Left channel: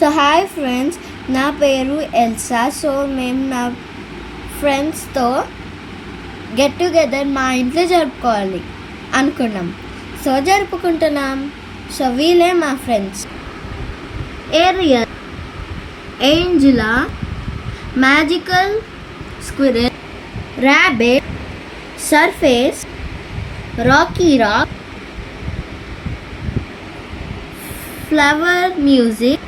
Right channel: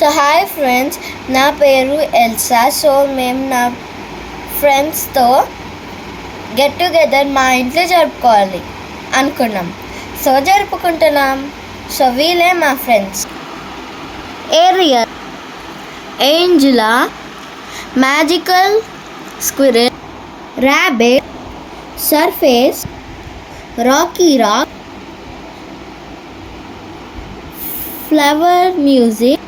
So hi friends, నా పేరు Elsa. So మేము నా ఫ్రెండ్స్తో గెట్ టుగెదర్ మా ఇంట్లో జరుపుకోవాలి అనుకున్నాం. సో జరుపుకుంటున్నాం. సో వీళ్ళే మా friends: Ariel, Angela, magical squirrel, rabbit, surface, rocky rock, flower music,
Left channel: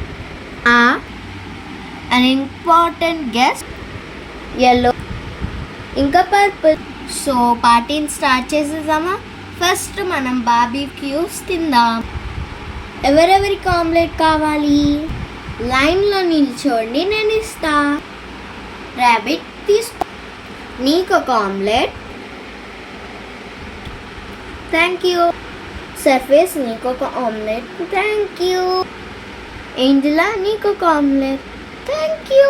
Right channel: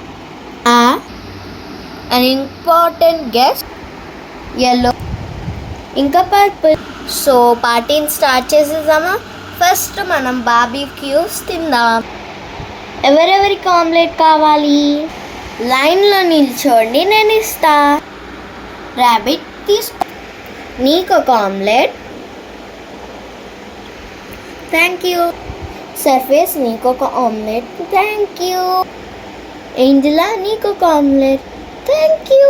an important guest, yellow, ఇంకా పర్పుల్. సో పార్టీని స్టార్ట్ చేసేద్దామా? ఫస్ట్ మనం బార్బిక్యూస్ తిందాం. ఎవరెవరికి ఆమ్లెట్ కావాలి? లైన్లో నిల్చోండి, నేను ఇస్తా. ర్యాబిట్ తీసుకో, నీకు ఒక ఆమ్లెట్. Thank you. సర్ఫేస్, నీకు ఒక ఆమ్లెట్. Thank you. ఏంజలా, నీకు ఒక ఆమ్లెట్. Thank you.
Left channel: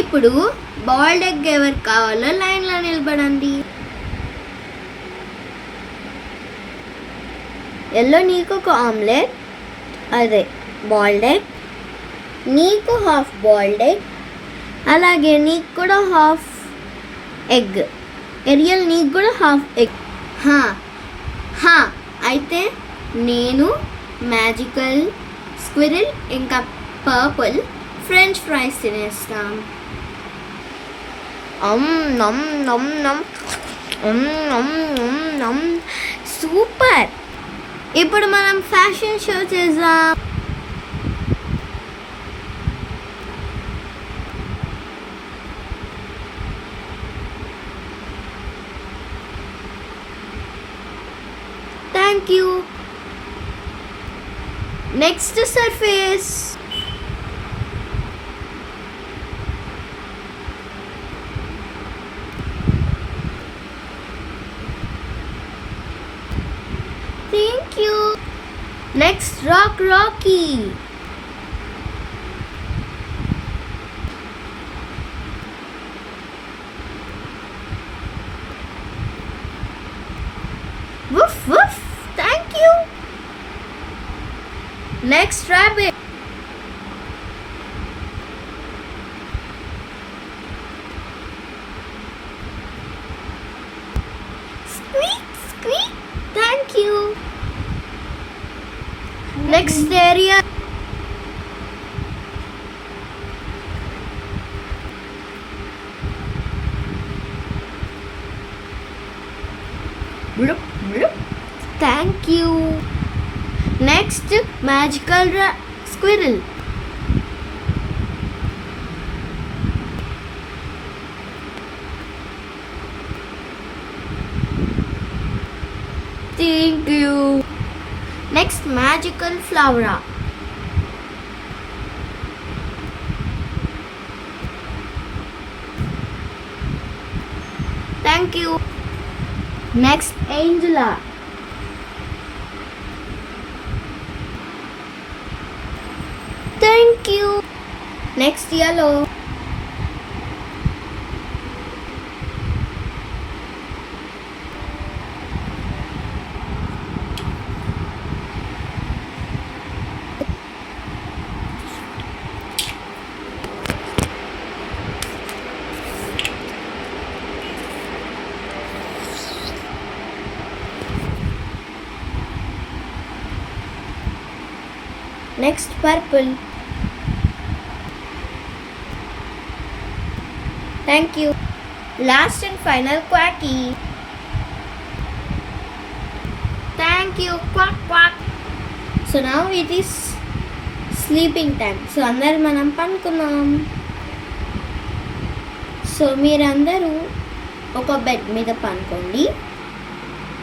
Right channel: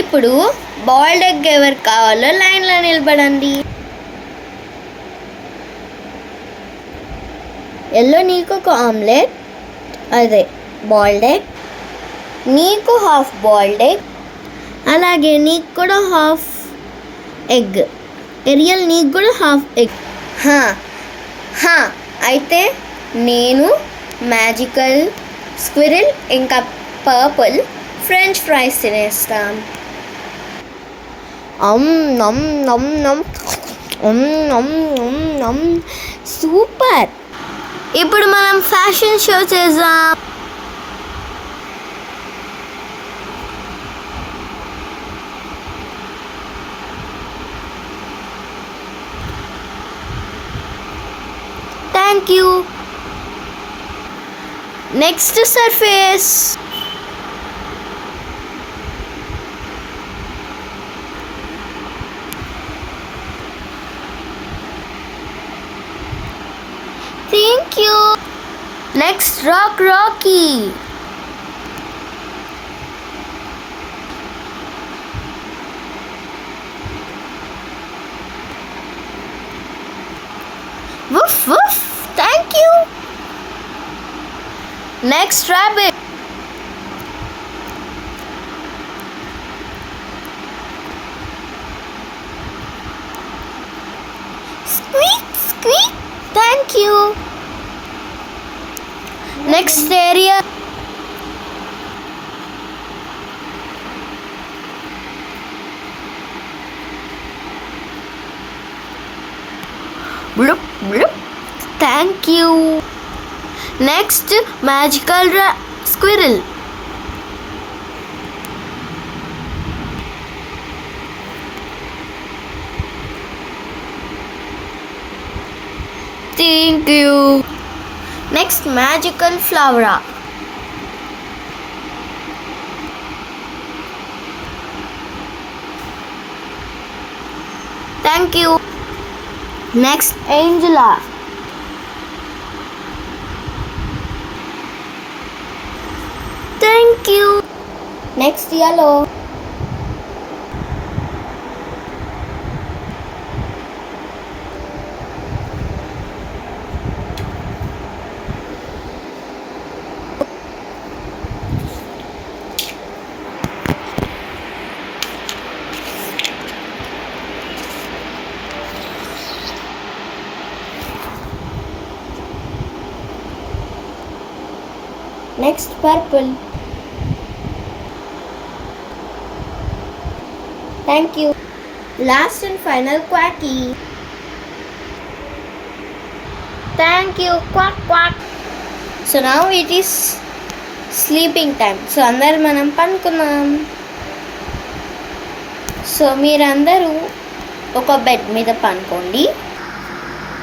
ఇప్పుడు బాయిల్డ్ ఎగ్ ఎవరికి కావాలో లైన్లో నిలబడండి. ఎల్లో, నీకు ఒక ఆమ్లెట్, అదే బాయిల్డ్ ఎగ్. నీకు హాఫ్ బాయిల్డ్ ఎగ్, అలాగే నీకు కూడా హాఫ్ ఎగ్. ఏరియల్, నీకు కూడా హాఫ్ ఎగ్. అయితే నేను మ్యాజికల్ స్క్విరిల్ ఇంకా పర్పుల్ ఫ్రెంచ్ ఫ్రైస్ తినేస్తాం. సూపర్. ఇప్పుడు మనం ఫ్యాషన్ షో చేద్దాం. Thank you. Next surface. Thank you. Next Rocky. Woof woof. Thank you. Next rabbit. Squeak squeak. Thank you. Next area. Blub blub. Thank you. Next magical squirrel. Thank you. Next magical flora. Thank you. Next Angela. Thank you. Next yellow. Next purple. Thank you. Last and final Quacky. Thank you. Quack quack. So now it is sleeping time. So అందరు మనం పనుకున్నాం. సో మీరందరూ ఒక bed మీద పనుకోండి.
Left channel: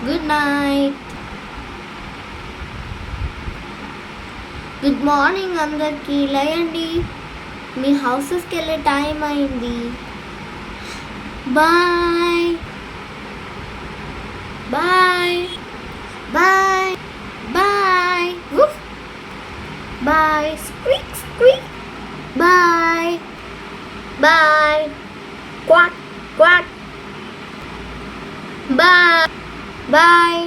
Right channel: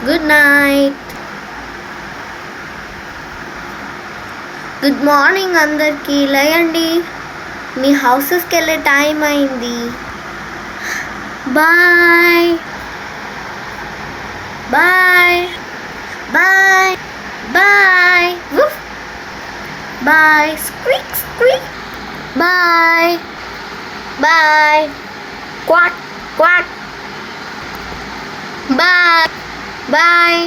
Good night. Good morning అందరికీ. లేయండి, మీ హౌసెస్కి వెళ్ళే టైం అయింది. Bye bye bye bye. Bye. Squeak squeak. Bye bye. Quack quack. Bye bye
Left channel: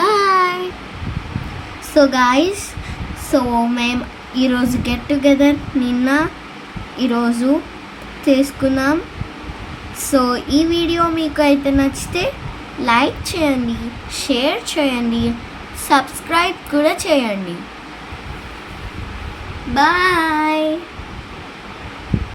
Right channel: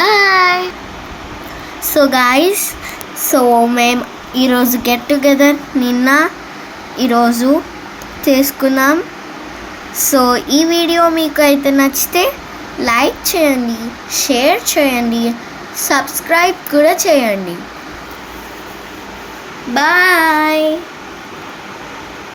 bye. So guys, so మేము ఈరోజు గెట్ టుగెదర్ ఈరోజు చేసుకున్నాం. సో ఈ వీడియో మీకు అయితే నచ్చితే లైక్ చేయండి, షేర్ చేయండి, సబ్స్క్రైబ్ కూడా చేయండి. బాయ్.